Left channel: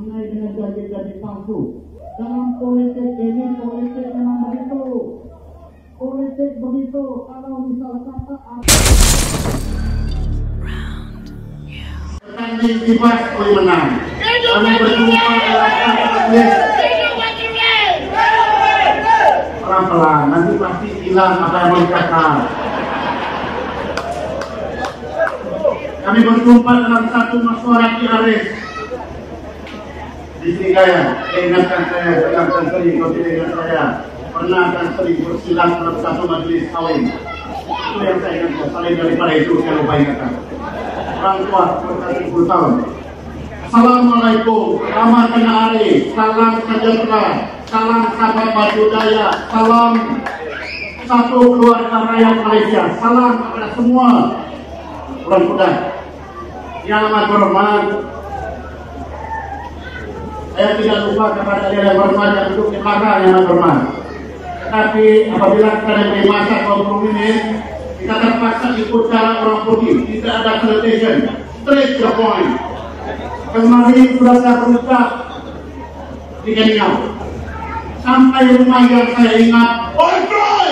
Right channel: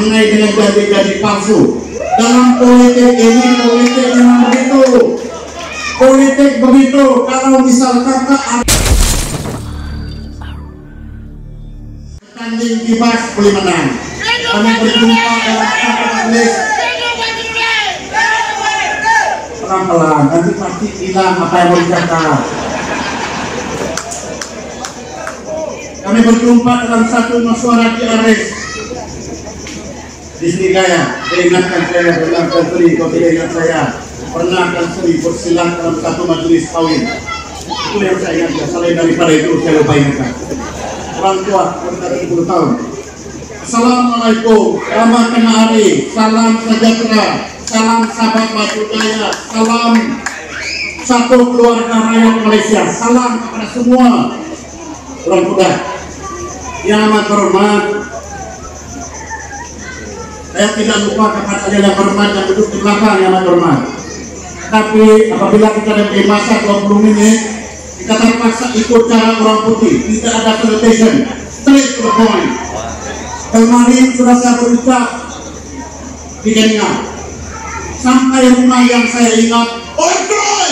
mengenai dengan janji-janji palsu. Dalam politik ini, politik memang begitu. Politik begitu, kalau misalkan tanding kibas boleh menang. Kami berjumpa dalam list pelan-pelan, nanti pasti bilang apa yang mau dikatakan. Kami berjumpa dalam satu musyawarah di Aris di Srigaya. Ingatkan saya, ingatkan Sri, kalau tidak ingat saya pernah kan Sri bersilang dalam satu majelis kawin. Itu yang saya ingat. Selain daripada itu saya lupa ingatkan. Orang tua berkata 10 tahun. Assalamualaikum, selamat kena hari, salam sejahtera, salam sahabat Batu Daya, salam satu keluarga rakyat Malaysia, salam kepada semua orang Kuda. Yang amat berhormat, saya tidak lupa kepada yang berhormat yang duduk di belakang yang amat berhormat. Tapi apabila kita ada masa 20 menit, kita terpaksa ikut cara orang putih, tidak ada presentation, straight to the point. Kemarin sudah saya berucap di Keninau, sampai rumah yang saya ingat, Joy!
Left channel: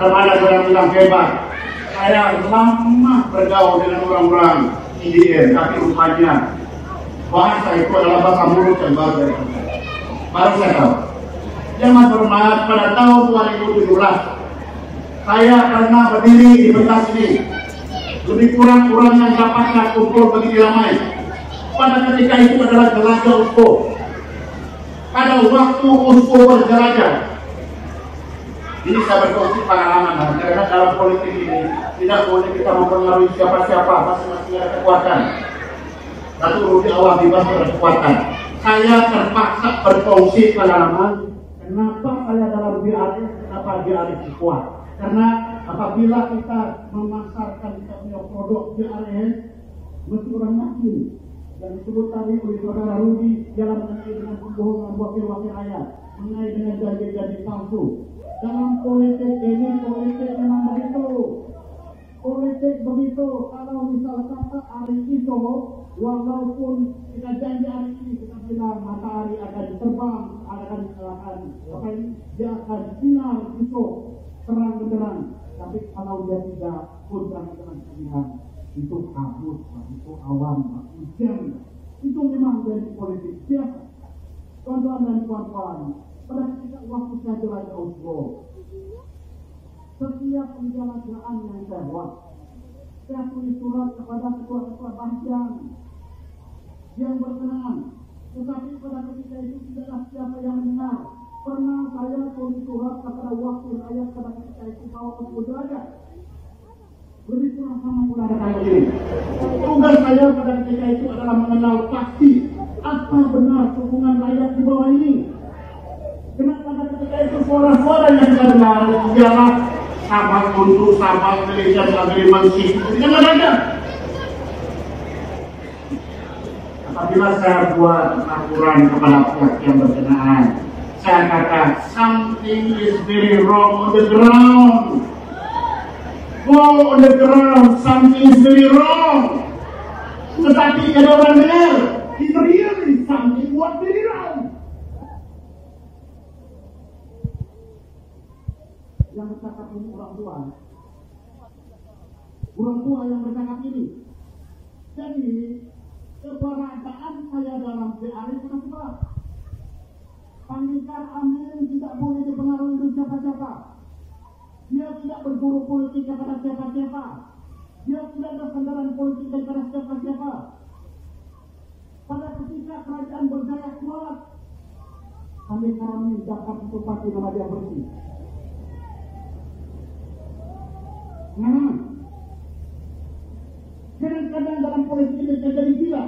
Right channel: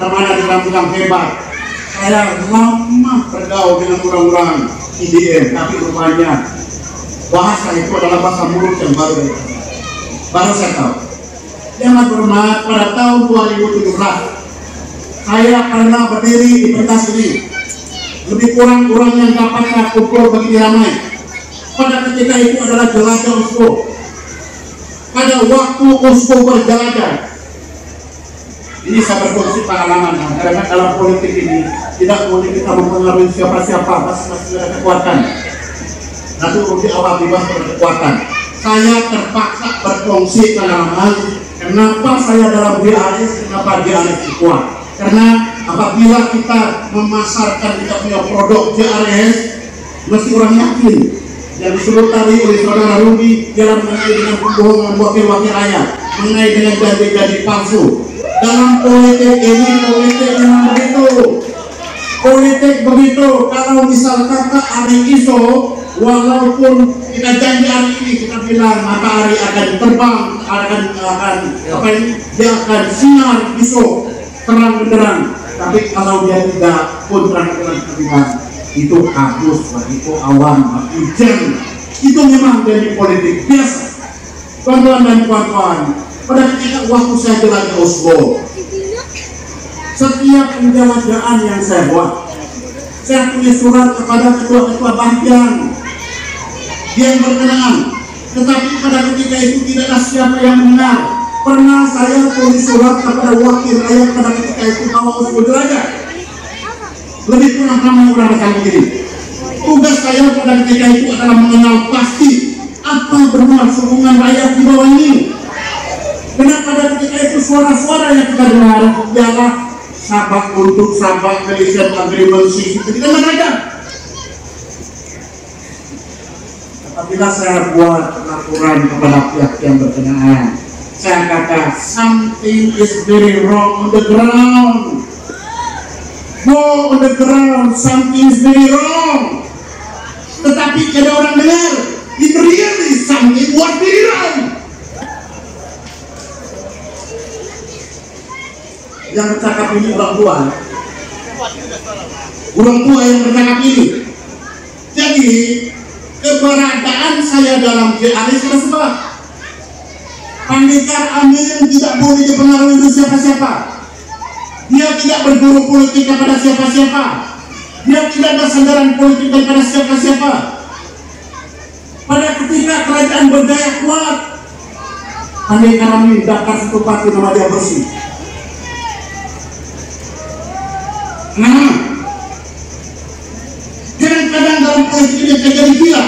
Ramadan sudah bilang hebat. Saya lama bergaul dengan orang-orang IDM, tapi rupanya bahasa itu adalah bahasa mulut yang baru saya tahu. Yang hormat, pada tahun 2017 saya pernah berdiri di pentas ini. Lebih kurang yang dapat kumpul begini ramai. Pada ketika itu adalah jelajah USPO. Pada waktu USPO berjelajah, ini saya berkongsi pengalaman, karena dalam politik ini tidak boleh kita mempengaruhi siapa-siapa, masing-masing ada kekuatan. Satu rugi awal bebas berkekuatan. Saya terpaksa berkongsi pengalaman. Kenapa saya dalam DAS, kenapa DAS kuat? Karena apabila kita memasarkan kita punya produk DAS, mesti orang yakin. Yang disebut tadi oleh saudara Rudy, jalan mengenai dengan kebohongan wakil-wakil rakyat, mengenai dengan janji-janji palsu. Dalam politik ini, politik memang begitu. Politik begitu, kalau misalkan hari iso, walaupun kita janji hari ini, kita bilang matahari akan terbang, dia akan sinar besok terang benderang. Tapi kalau dia tidak pun terang benderang, itu hapus, itu awan, hujan. Itu memang dari politik biasa. Kawan-kawan dan kawan-kawan, pada ketika waktu saya jelajah Oslo, setiap penjelajahan yang saya buat, saya tulis surat kepada ketua-ketua bagian yang berkenaan. Tetapi pada ketika itu tidak ada siapa yang mendengar. Pernah saya tulis surat kepada wakil rakyat pada ketika itu bahwa Oslo jelajah. Lebih kurang ramai orang macam begini. Tugas saya pada ketika itu adalah mengenal pasti apa beruang hubungan rakyat di bawah ini. Karena pada ketika itu suara-suara yang kita dengar ialah sabak untuk sabak Malaysian Agreement tidak mereka. Apabila saya buat laporan kepada pihak yang berkenaan, saya kata something is very wrong on the ground. Go on the ground, something is very wrong. Tetapi ada orang dengar, it really something was very wrong. Yang bercakap ini orang tua yang bercakap ini. Jadi keberadaan saya dalam GRI sudah sebab Pendekar Amin tidak boleh dipengaruhi oleh siapa-siapa. Dia tidak berguru politik kepada siapa-siapa. Dia tidak bersandaran politik kepada siapa-siapa. Pada ketika kerajaan berdaya kuat, Pendekar Amin daftar satu parti nama dia bersih. Nah, kadang-kadang dalam politik ini terjadi gila.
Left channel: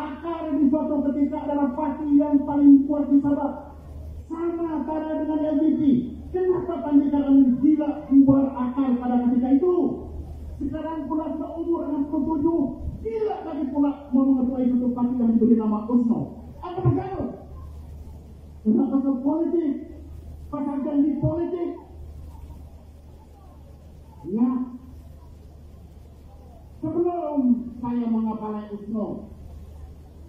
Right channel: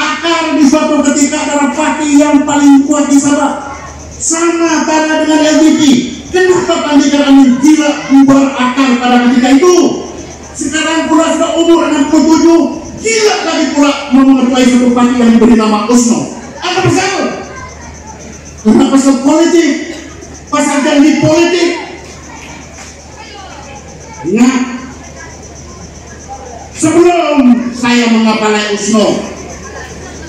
Akar di suatu ketika adalah parti yang paling kuat di Sabah. Sama pada dengan LDP. Kenapa Pendekar Amin gila bubar akar pada ketika itu? Sekarang pula sudah umur 67, gila lagi pula mengetuai satu parti yang diberi nama USNO. Apa pasal? Karena pasal politik, pasal janji politik. Ingat, sebelum saya mengapalai USNO,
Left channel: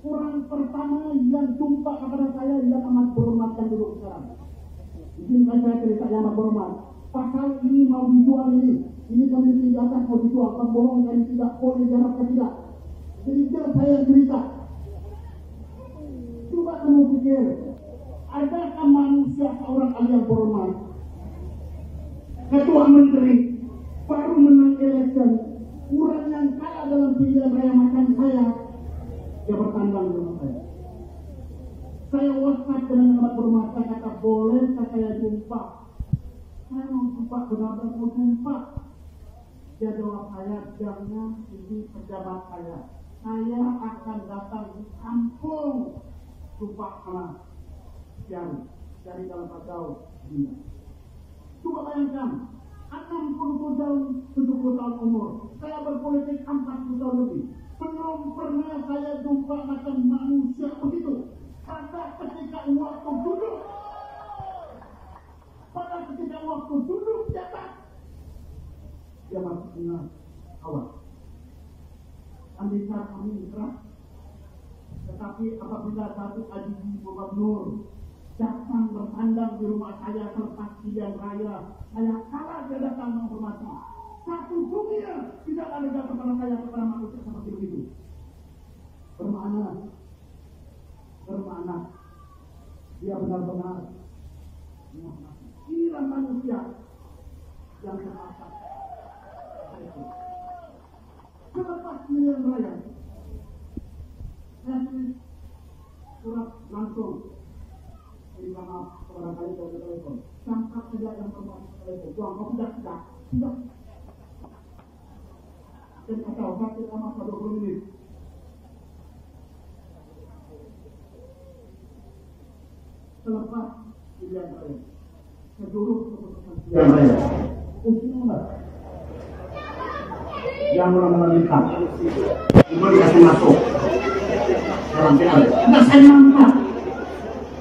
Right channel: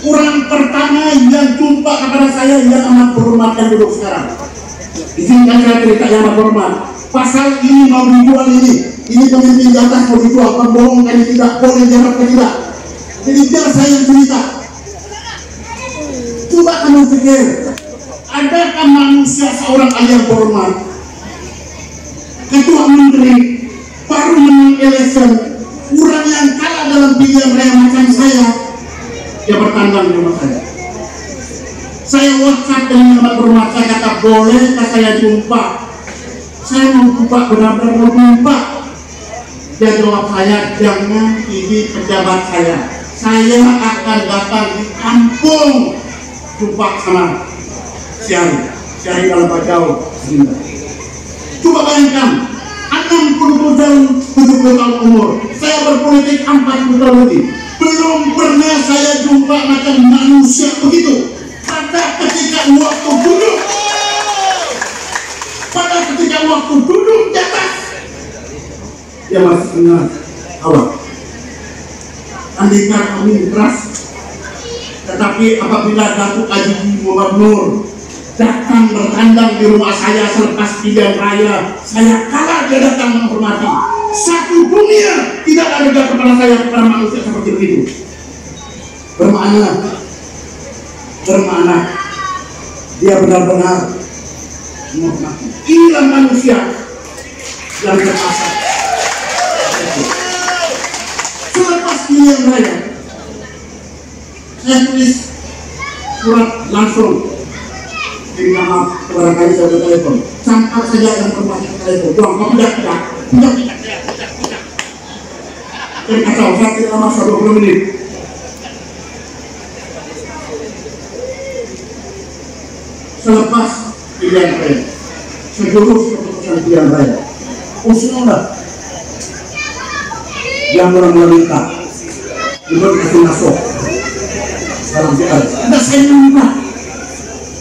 Orang pertama yang jumpa kepada saya yang amat berhormat yang duduk sekarang. Izinkan saya cerita yang amat berhormat. Pasal ini mau dijual ini pemimpin di atas mau dijual, pembohong kali tidak, boleh jarak tidak. Jadi biar saya yang cerita. Coba kamu pikir, adakah manusia seorang yang berhormat, ketua menteri, baru menang election, orang yang kalah dalam pilihan raya macam saya, dia bertandang di rumah saya. Saya WhatsApp dengan amat berhormat, saya kata bolehkah saya jumpa? Saya mau jumpa, benar-benar mau jumpa. Dia jawab saya, jangan, ini pejabat saya. Saya akan datang di kampung jumpa sama Syari dalam Bajau. Coba bayangkan, 60 tahun, 70 tahun umur, saya berpolitik 40 tahun lebih. Belum pernah saya jumpa macam manusia begitu. Pada ketika waktu duduk di atas, dia masih ingat awal. Andaikan kami keras, tetapi apabila Datuk Haji Gubernur datang bertandang di rumah saya selepas pilihan raya, saya kalah, dia datang menghormati. Satu dunia tidak ada kepada saya, kepada manusia seperti begitu. Bermakna dia benar-benar menghormati. Inilah manusia yang terpasang. Selepas pilihan raya, saya tulis surat langsung minta maaf kepada kali saya telepon. Sampai saja yang bermaksud telepon, doang kau tidak. Dan kacau, saya tidak masa 20 menit. Selepas pilihan raya, seluruh keputusan pilihan raya, usullah yang meminta untuk kasih masuk dalam PR. Nah,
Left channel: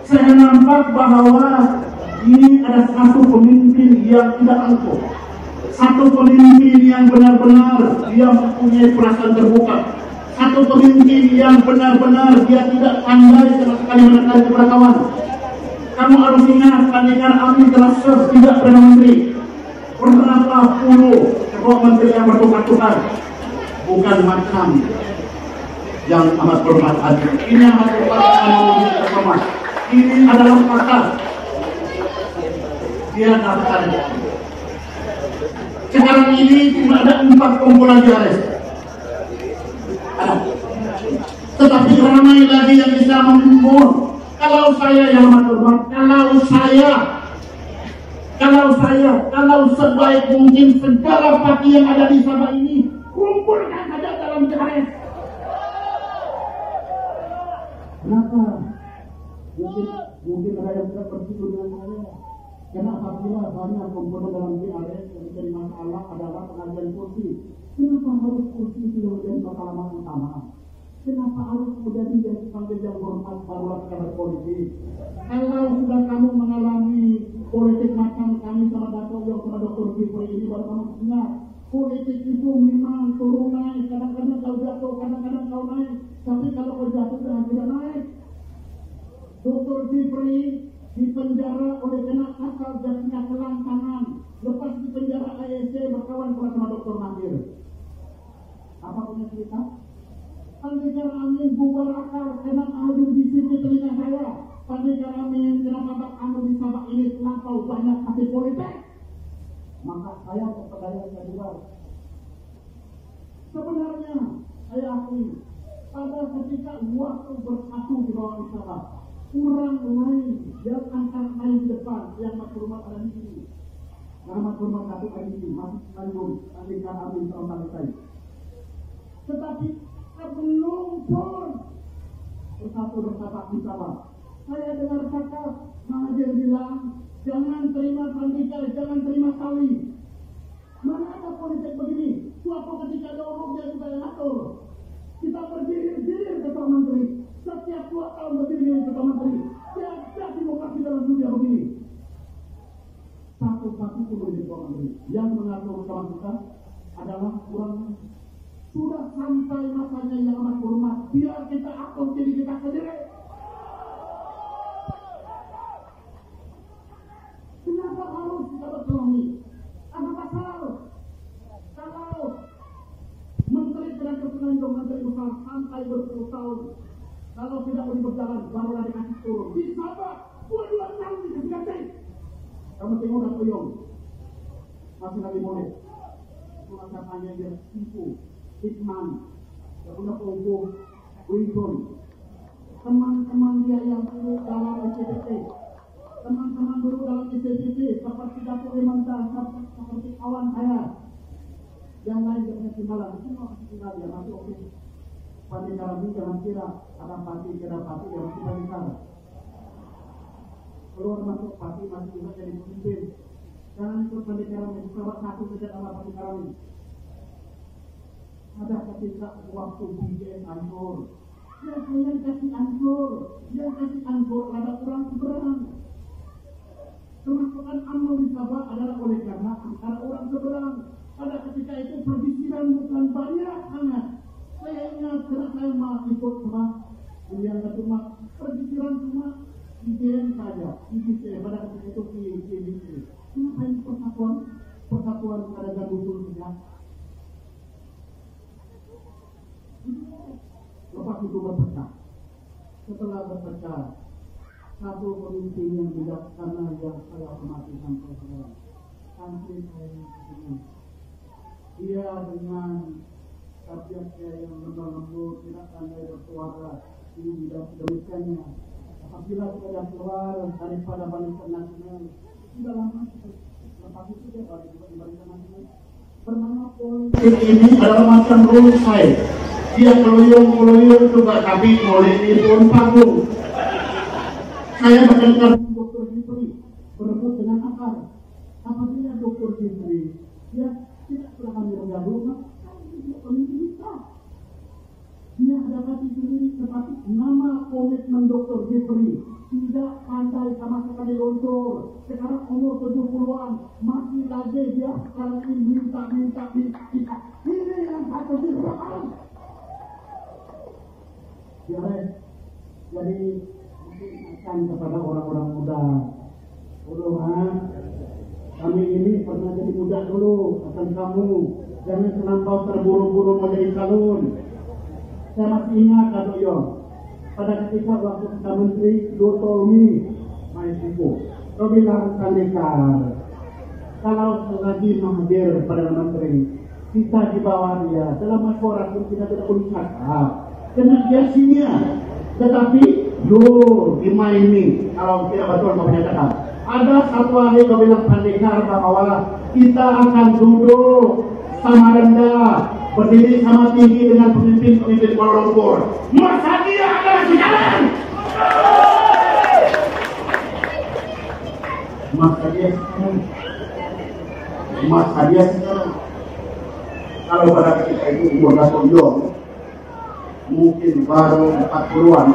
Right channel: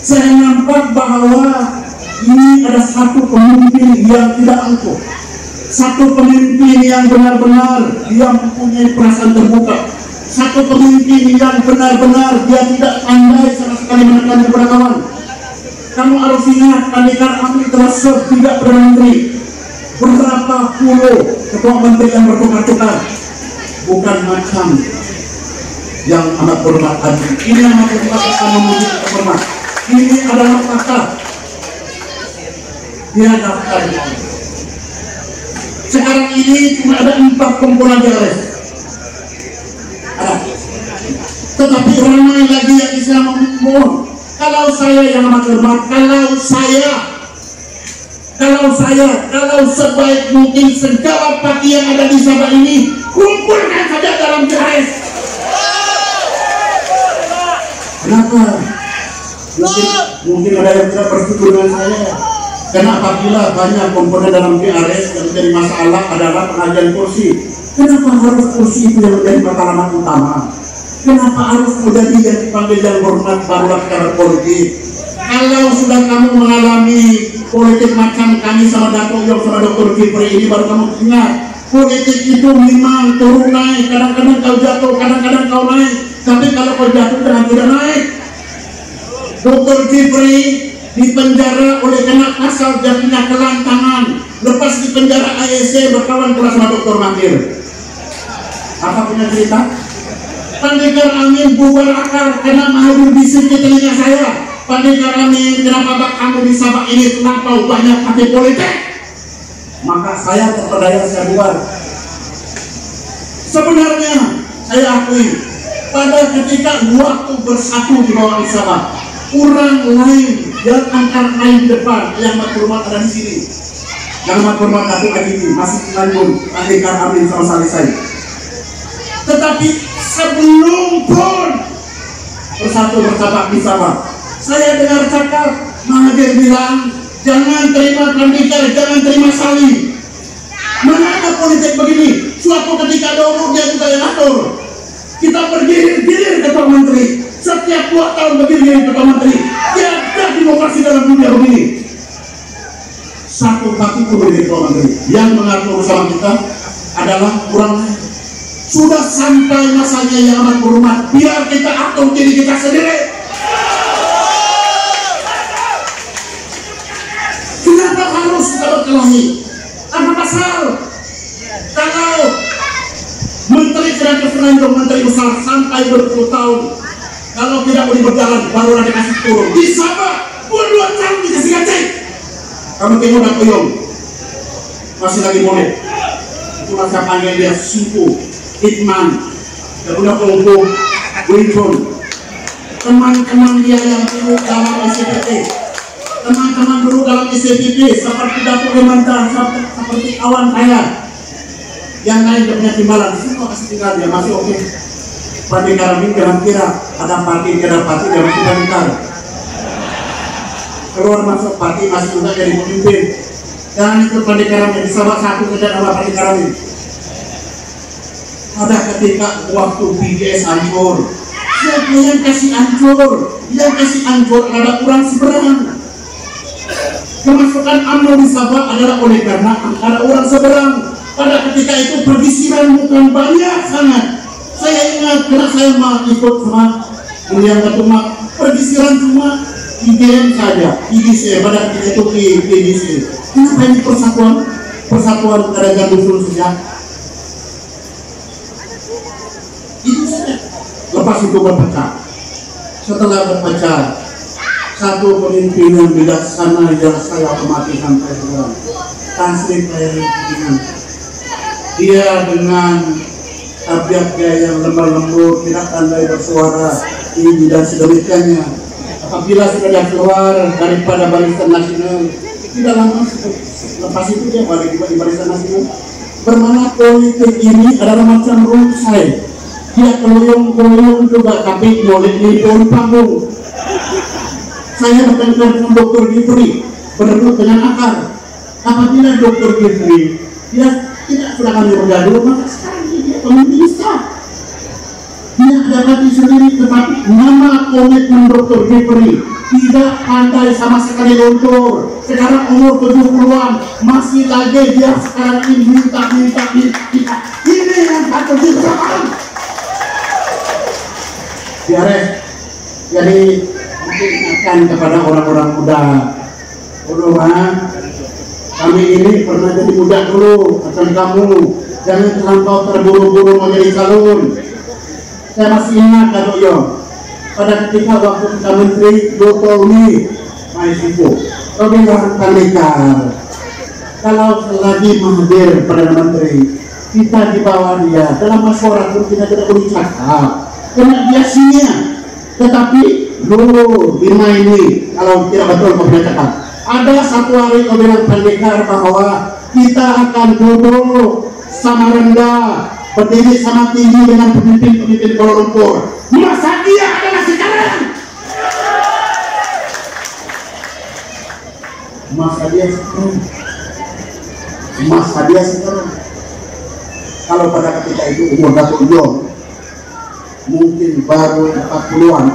saya nampak bahwa ini ada satu pemimpin yang tidak angkuh, satu pemimpin yang benar-benar dia mempunyai perasaan terbuka, satu pemimpin yang benar-benar dia tidak pandai sama sekali menekan kepada kawan. Kamu harus ingat, Andaikan Amin telah serve tidak Perdana Menteri, berapa puluh ketua menteri yang bertukar-tukar, bukan macam yang amat berhormat tadi. Ini yang amat berhormat akan memuji terhormat. Ini adalah kata dia daftar. Sekarang ini cuma ada 4 kumpulan di arest. Tetapi ramai lagi yang bisa membunuh. Kalau saya yang amat hormat, kalau sebaik mungkin segala parti yang ada di Sabah ini kumpulkan saja dalam TRS. Kenapa? Mungkin ada yang tidak bersetuju dengan saya. Karena apabila banyak komponen dalam TRS yang menjadi masalah adalah pengajian kursi. Kenapa harus kursi itu yang menjadi matlamat utama? Kenapa harus menjadi yang dipanggil yang hormat barulah secara politik? Kalau sudah kamu mengalami politik macam kami sama Datuk Yong sama Dr. Kipri ini, baru kamu ingat politik itu memang turun naik. Kadang-kadang kau jatuh, kadang-kadang kau naik. Tapi kalau kau jatuh jangan tidak naik. Dr. Kipri dipenjara oleh kena pasal jadinya kelantangan. Lepas di penjara AEC berkawan pula sama Dr. Makir. Apa punya cerita? Pendekar Amin bubar akar karena malu bisik di telinga saya. Pendekar Amin, kenapa bak kamu di Sabah ini terlampau banyak partai politik? Maka saya terpedaya, saya bubar. Sebenarnya saya akui pada ketika waktu bersatu di bawah Sabah, orang lain yang angkat lain di depan yang berhormat ada di sini. Yang berhormat Datuk Haji masih lanjut Pendekar Amin sama Salisai. Tetapi sebelum pun bersatu bersama di Sabah, saya dengar cakap Mahathir bilang jangan terima Pendekar, jangan terima Sali. Mana ada politik begini? Suatu ketika dulu dia juga yang atur. Kita bergilir-gilir ketua menteri. Setiap 2 tahun bergilir ketua menteri. Tiada demokrasi dalam dunia begini. Satu parti pun ketua menteri. Yang mengatur usaha kita adalah kurang. Sudah sampai masanya yang amat berhormat, biar kita atur diri kita sendiri. Kenapa harus kita berkelahi? Apa pasal? Kalau menteri tidak bersenandung, menteri besar sampai berpuluh-tahun, kalau tidak boleh berjalan, baru ada kasih turun. Di Sabah, 2 tahun dikasih gaji. Kamu tengok dan Koyong, masih lagi boleh. Itu masa panggil dia Suku, Hitman, dan udah kelompok, Winston. Teman-teman dia yang dulu dalam SCPT, teman-teman dulu dalam SCPT, seperti Datuk Hemantan, seperti kawan saya, yang lain punya timbalan, semua kasih tinggal dia masih oke. Parti kami kira-kira ada parti dia masih tinggal. Keluar masuk parti masih juga jadi pemimpin. Jangan ikut parti kami di Sabah satu saja nama parti kami. Ada ketika waktu BGS hancur, siapa yang kasih hancur? Yang kasih hancur ada kurang seberang. Kemasukan UMNO di Sabah adalah oleh karena ada orang seberang. Pada ketika itu pergisiran bukan banyak sangat. Saya ingat karena saya mau ikut sama yang ketua pergisiran cuma IGM saja, IGC pada ketika itu IGC. Kenapa ini persatuan kerajaan dusun sejak itu saja. Lepas itu berpecah. Setelah berpecah, satu pemimpinan bijaksana yang saya hormati sampai sekarang, Tan Sri Pimpinan. Dia dengan tabiatnya yang lemah lembut, tidak pandai bersuara, tinggi dan sedemikiannya. Apabila sudah dia keluar daripada Barisan Nasional, tidak lama lepas itu dia balik di Barisan Nasional. Bermana politik ini adalah macam runsai. Dia keluyung juga, tapi boleh di panggung. Saya mendengar Dr. Gifri berduduk dengan akar. Apabila Dr. Gifri dia tidak sudah kami bergaduh, maka sekarang dia pemimpin sah. Dia ada hati sendiri, tetapi nama komitmen Dr. Gifri tidak pandai sama sekali luntur. Sekarang umur 70-an masih lagi dia sekarang ini minta. Ini yang patut dilakukan. Biares. Jadi mungkin akan kepada orang-orang muda. Kami ini pernah jadi muda dulu, akan kamu jangan terlampau terburu-buru menjadi calon. Saya masih ingat Datuk Yo, pada ketika waktu kita menteri Dr. Umi Maisipo, kami orang Tandikar. Kalau selagi Mahathir Perdana Menteri, kita di bawah dia dalam masyarakat pun kita tidak boleh cakap, karena dia sia. Tetapi dulu ini kalau tidak betul kau punya cakap. Ada satu hari kau bilang Tandikar bahwa kita akan duduk sama rendah, berdiri sama tinggi dengan pemimpin-pemimpin Kuala Lumpur. Masa dia adalah sekarang? Masa dia sekarang? Kalau pada ketika itu umur Datuk John mungkin baru 40-an,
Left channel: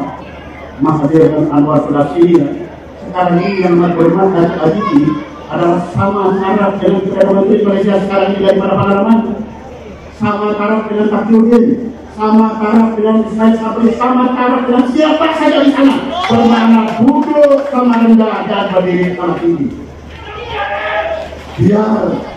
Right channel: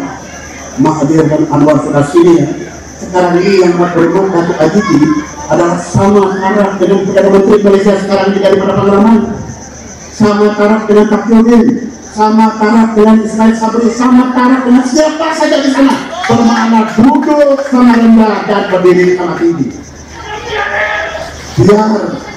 Mahathir dan Anwar sudah sini. Sekarang ini yang berhormat Datuk Aditi adalah sama arah dengan Perdana Menteri Malaysia sekarang ini daripada pengalaman, sama taraf dengan Takyudin, sama taraf dengan Ismail Sabri, sama taraf dengan siapa saja di sana. Bernama duduk sama rendah dan berdiri sama tinggi. Biar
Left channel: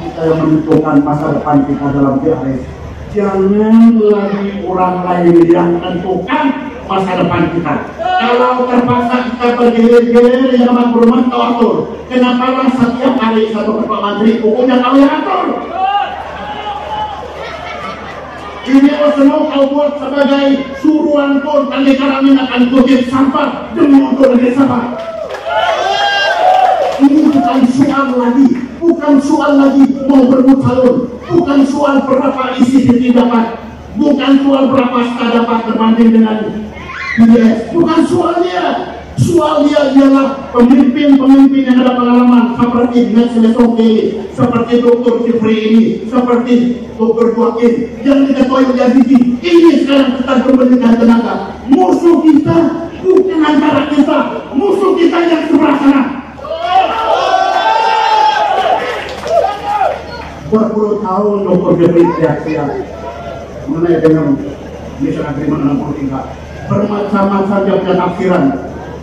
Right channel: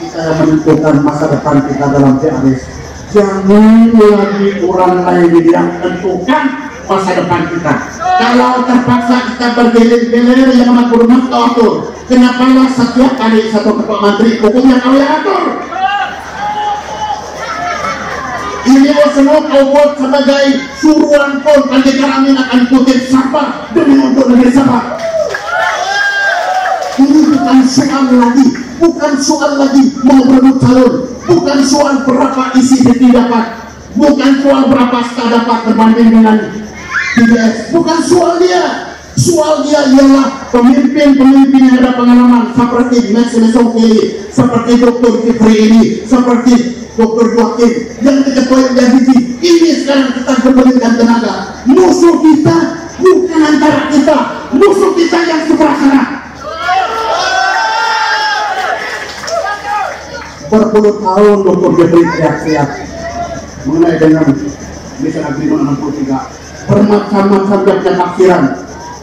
kita yang menentukan masa depan kita dalam PRS. Jangan lagi orang lain yang menentukan masa depan kita. Kalau terpaksa kita bergilir-gilir yang amat berhormat kau atur. Kenapalah setiap hari satu ketua menteri hukumnya kau yang atur? Ini semua kau buat sebagai suruhan pun Tandikar Amin akan kutip sampah demi untuk negeri Sabah. Ini bukan soal lagi mau berebut calon, bukan soal berapa isi TV dapat, bukan soal berapa SK dapat berbanding dengan PDS, bukan soal dia. Soal dia ialah pemimpin-pemimpin yang ada pengalaman seperti Max Mesoki, seperti Dr. Gifri ini, seperti Dr. Joaquim yang diketuai oleh Aditi. Ini sekarang kita gembalikan tenaga. Musuh kita bukan antara kita, musuh kita yang sebelah sana. Berpuluh tahun Dr. Gifri teriak-teriak mengenai dengan Mission Agreement 63 bermacam-macam penafsiran.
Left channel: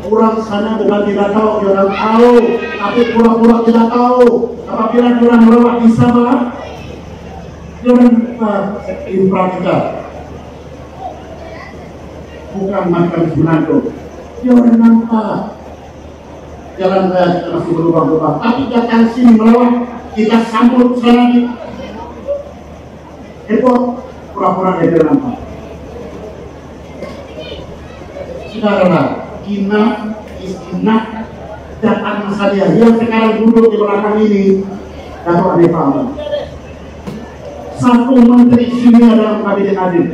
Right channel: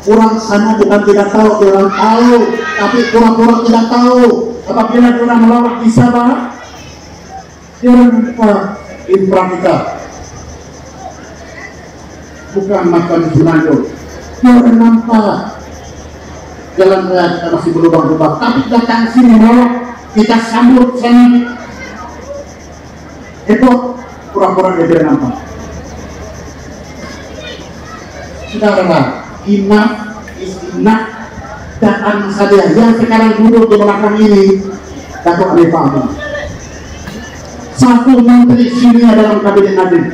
Orang sana bukan tidak tahu, orang tahu, tapi pura-pura tidak tahu. Apabila orang melawat di Sabah, orang infrastruktur bukan macam Sunado. Orang nampak jalan raya kita masih berubah-ubah, tapi datang sini melawat, kita sambut sana. Itu pura-pura dia nampak. Saudara, enough is enough. Datang saja yang sekarang duduk di belakang ini, Datuk Ali Fahmi. Satu menteri sini dalam kabinet Nadiem.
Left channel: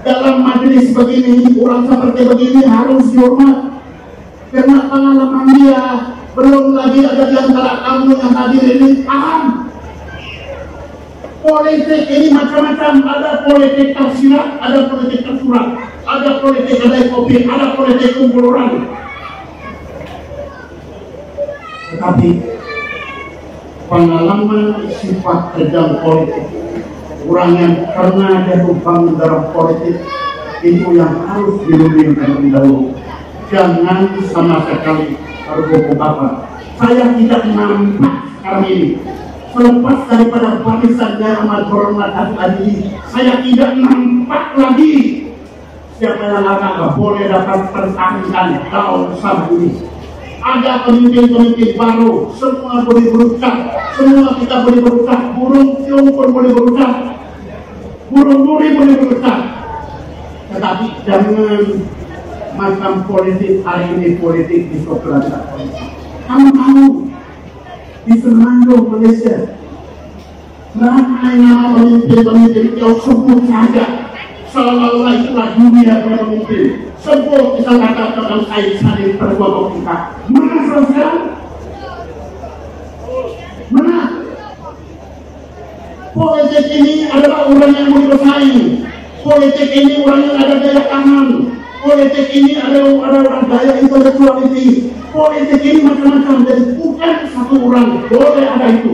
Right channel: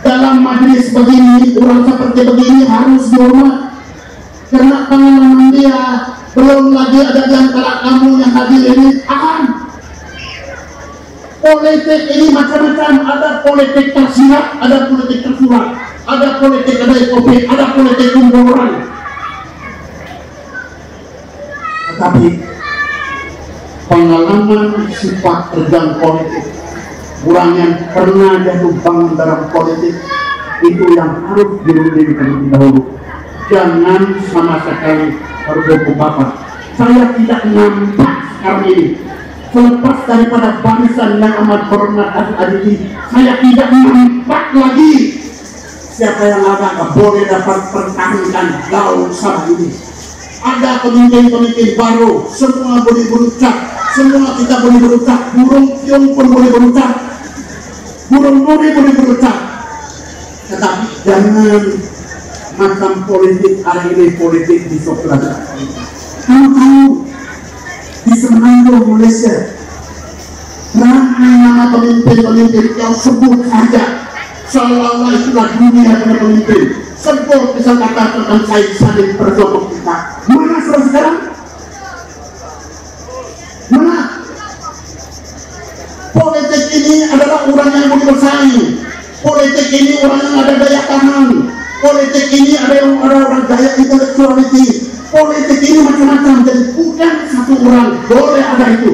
Dalam majelis begini, orang seperti begini harus dihormat. Karena pengalaman dia, belum lagi ada di antara kamu yang hadir ini paham. Politik ini macam-macam, ada politik tersirat, ada politik tersurat, ada politik ada SOP, ada politik kumpul orang. Tetapi pengalaman sifat terjang politik, orang yang pernah jatuh bangun dalam politik itu yang harus dirunding terlebih dahulu. Jangan sama sekali tergopoh bapak. Saya tidak nampak sekarang ini. Selepas daripada barisan yang amat berhormat Adi, saya tidak nampak lagi siapa yang agak boleh dapat pertahankan daun Sabah ini. Ada pemimpin-pemimpin baru, semua boleh berucap, semua kita boleh berucap, burung piung pun boleh berucap, burung nuri boleh berucap. Tetapi jangan macam politik hari ini, politik di Sokrates. Kamu tahu di Semenanjung Malaysia, ramai nama pemimpin-pemimpin yang sebut saja seolah-olah itulah dunia pemimpin. Sebut misal kata tentang Said Salim berjodoh kita. Mana sekarang? Mana? Politik ini adalah orang yang boleh bersaing. Politik ini orang yang ada daya tahan. Politik ini adalah orang daya intelektualiti. Politik ini macam-macam, jadi bukan satu orang boleh ada itu.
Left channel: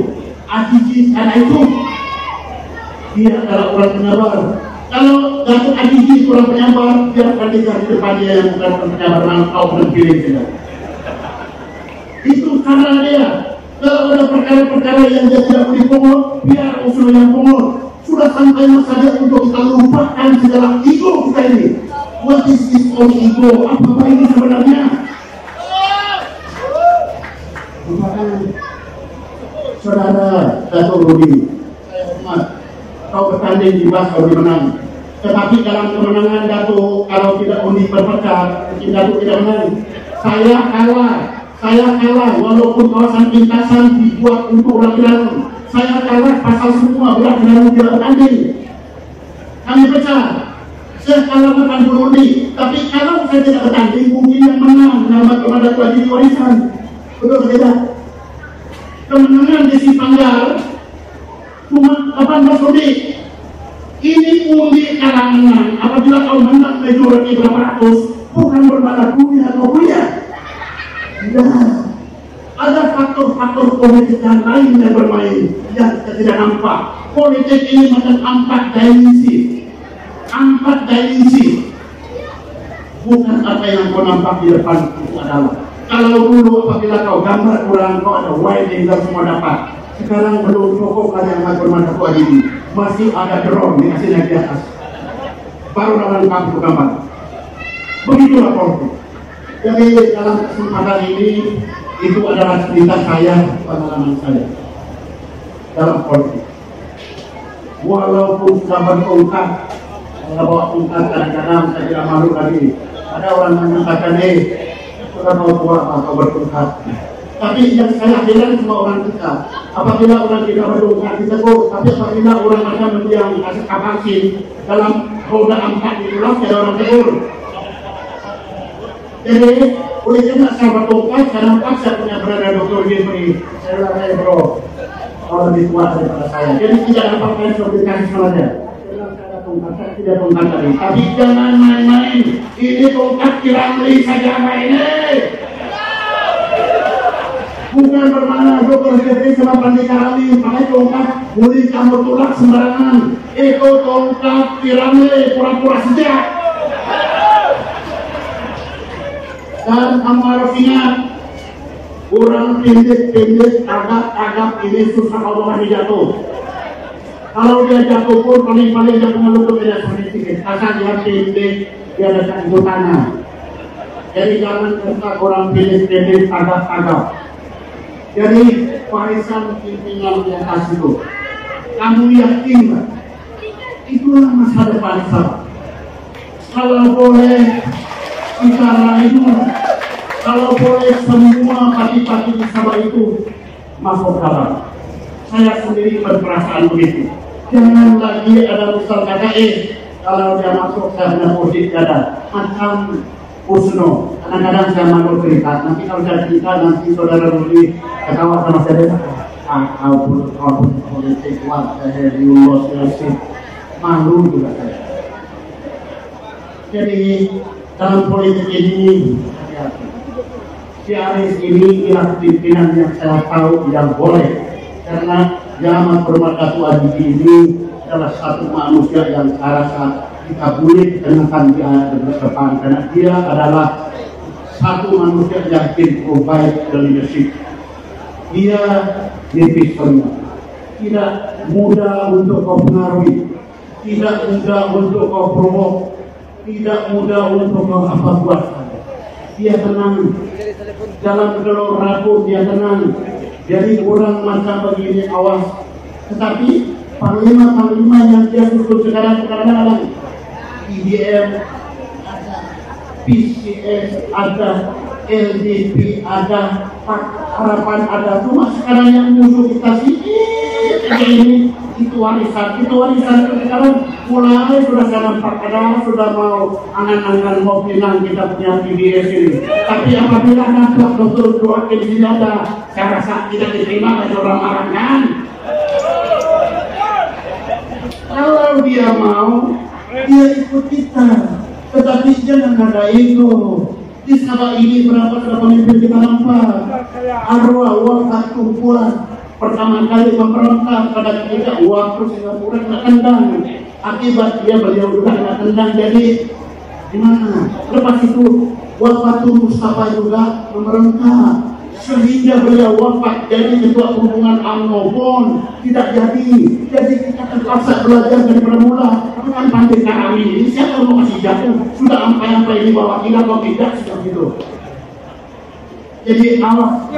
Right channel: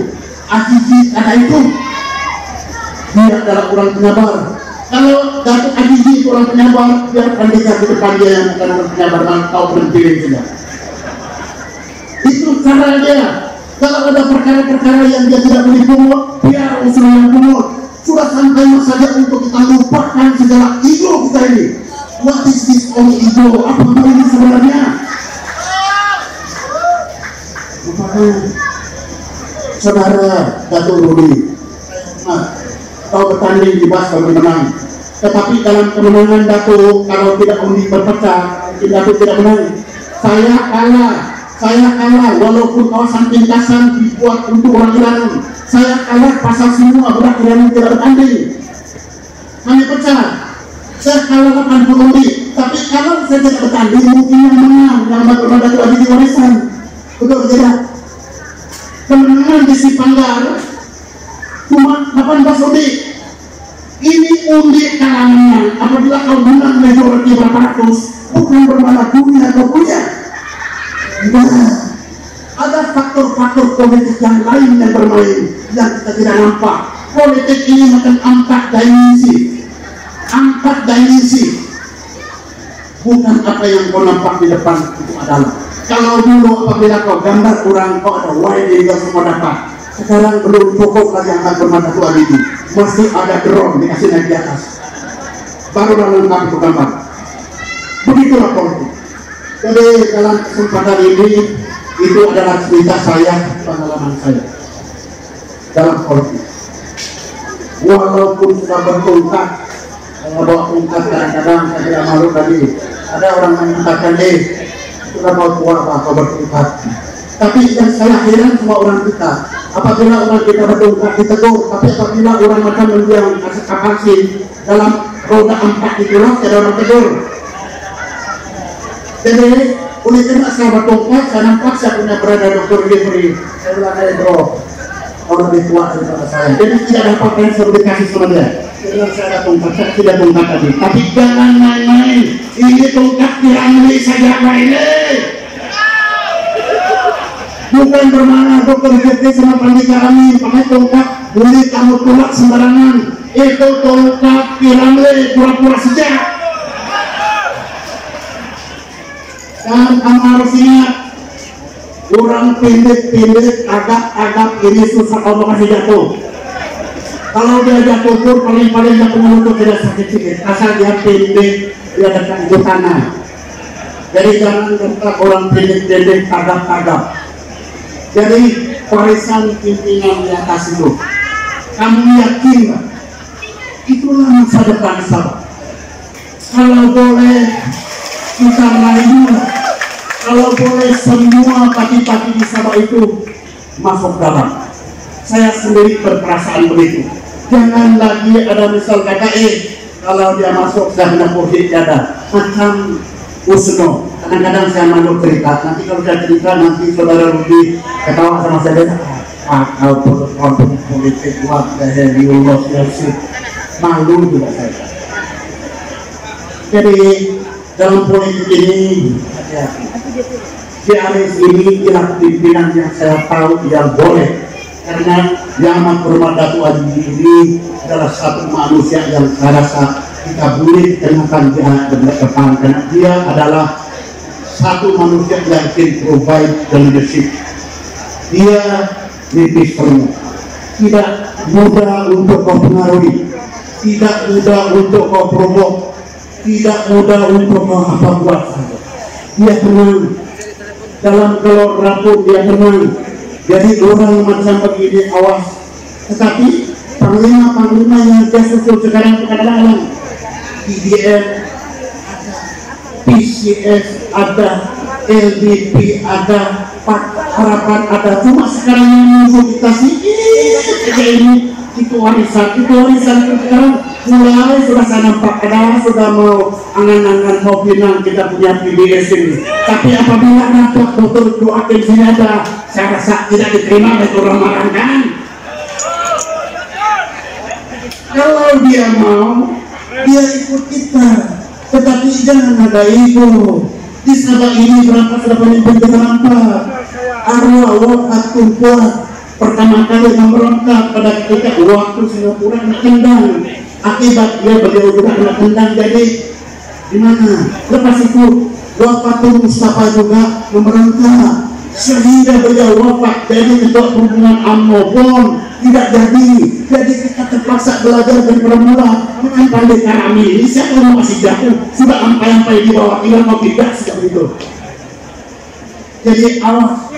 Azizi ada itu. Dia adalah orang penyabar. Kalau Datuk Azizi itu orang penyabar, biarkan dia di depan dia yang bukan orang penyabar, kau berhenti sudah. Itu cara dia. Kalau ada perkara-perkara yang dia tidak boleh pungut, biar usul yang pungut. Sudah sampai masanya untuk kita lupakan segala ego kita ini. What is this all ego? Apa ini sebenarnya? Saudara Datuk Rudi, kau bertanding di bas kau menang. Tetapi dalam kemenangan Datuk, kalau tidak undi berpecah, mungkin Datuk tidak menang. Saya kalah walaupun kawasan lintasan dibuat untuk orang Iran. Saya kalah pasal semua berat Iran tidak bertanding. Kami pecah. Saya kalah 80 undi. Tapi kalau saya tidak bertanding, mungkin yang menang dalam bagaimana Datuk lagi di warisan. Betul tidak? Kemenangan di Sipanggar cuma 18 undi. Ini undi kalangan. Apabila kau menang majority berapa ratus, bukan bermana dunia atau kuliah. Nah, ada faktor-faktor politik yang lain yang bermain yang kita tidak nampak. Politik ini macam 4 dimensi. 4 dimensi. Bukan apa yang kau nampak di depan itu adalah. Kalau dulu apabila kau gambar orang, kau ada wide yang semua dapat. Sekarang belum cukup lagi yang bermata tua ini. Masih ada drone dikasih naik di atas. Baru dalam kampung gambar. Begitulah politik. Jadi dalam kesempatan ini itu adalah cerita saya, pengalaman saya dalam politik. Walaupun sudah bertungkat, saya bawa tungkat kadang-kadang saya tidak malu tadi. Ada orang yang mengatakan, sudah mau keluar apa bertungkat. Tapi yang saya heran semua orang kita. Apabila orang kita bertungkat ditegur, tapi apabila orang macam yang kasih kapasi dalam roda 4 itulah tidak orang tegur. Jadi oleh karena saya bertungkat, saya nampak saya punya berada Dr. Jeffrey. Saya bilang, bro, orang lebih tua daripada saya. Jadi tidak ada pakaian seperti kasih sama dia. Saya ada tungkat, saya tidak tungkat tadi. Tapi jangan main-main. Ini tungkat diambil saja ini. bukan bermakna dokter Jepri sama Pandika Amin pakai tongkat murid kamu tolak sembarangan. Itu tongkat piramide pura-pura sejak. Dan kamu harus ingat, orang pendek-pendek agak-agak ini susah kalau masih jatuh. Kalau dia jatuh pun paling-paling dia punya lutut tidak sakit-sakit. Asal dia pendek, dia dekat ibu tanah. Jadi jangan dengar orang pendek-pendek agak-agak. Jadi warisan pimpinan di atas itu, kamu yakin gak? Itulah masa depan Sabah. Kalau boleh kita lainnya, kalau boleh semua kaki-kaki di Sabah itu masuk dalam. Saya sendiri berperasaan begitu. Jangan lagi ada misal kata kalau dia masuk saya punya pohit dada macam Usno. Kadang-kadang saya malu cerita. Nanti kalau saya cerita nanti saudara Rudi ketawa sama saya. Kau politik what the hell you lost your shit. Malu juga saya. Jadi dalam politik ini si Aris ini ialah pimpinan yang saya tahu yang boleh, karena Yang Amat Hormat Datuk Haji ini adalah satu manusia yang saya rasa kita boleh kenakan dia ke depan, karena dia adalah satu manusia yang can provide the leadership. Dia nipis semua, tidak mudah untuk kau pengaruhi, tidak mudah untuk kau provok, tidak mudah untuk kau apa buat. Dia tenang dalam gelor raput, dia tenang. Jadi orang macam begini awas. Tetapi panglima-panglima yang dia susul sekarang kadang-kadang IDM ada, PCS ada, LDP ada, Harapan ada. Cuma sekarang yang musuh kita sedikit ini. Itu warisan itu sekarang mulai sudah saya nampak ada sudah mau angan-angan mau pinang kita punya PDS ini. Tapi apabila nampak dokter doakan sini ada, saya rasa tidak diterima oleh orang marah kan. Kalau dia mau, dia ikut kita. Tetapi jangan ada ego. Di Sabah ini berapa sudah pemimpin kita nampak. Arwah wakat kuat. Pertama kali memberontak pada ketika waktu Singapura kena tendang, akibat beliau juga kena tendang. Jadi di mana? Lepas itu waktu Mustafa juga memberontak sehingga beliau wafat. Jadi ketua perhubungan UMNO pun tidak jadi. Jadi kita terpaksa belajar dari bermula dengan Pandika Amin ini. Siapa yang masih jatuh sudah ampai-ampai di bawah, kira kau tidak seperti itu. Jadi awas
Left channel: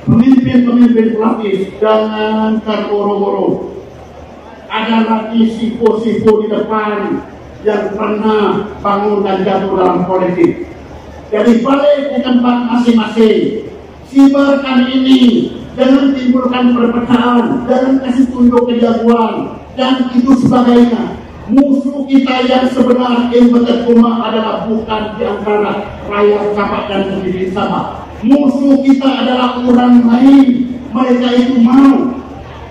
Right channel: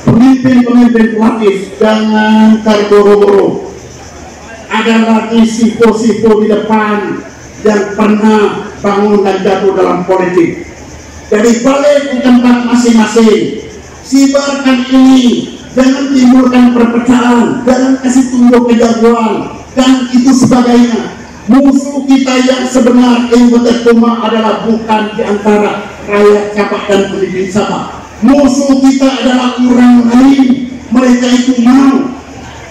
pemimpin-pemimpin pelapis, jangan terburu-buru. Ada lagi sifo-sifo di depan yang pernah bangun dan jatuh dalam politik. Jadi balik ke tempat masing-masing. Sibarkan ini, jangan timbulkan perpecahan, jangan kasih tunjuk kejagoan dan itu sebagainya. Musuh kita yang sebenar adalah bukan di antara rakyat Sabah dan pemimpin Sabah. Musuh kita adalah orang lain. Mereka itu mau.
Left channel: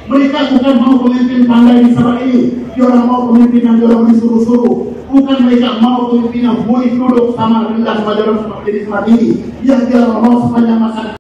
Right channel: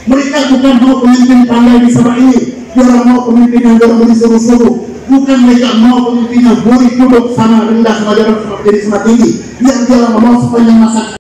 Mereka bukan mau pemimpin pandai di Sabah ini. Dia mau pemimpin yang dorong disuruh-suruh. Bukan mereka mau pemimpin yang boleh duduk sama rendah sama dorong jadi sama tinggi. Yang dia mau sepanjang masa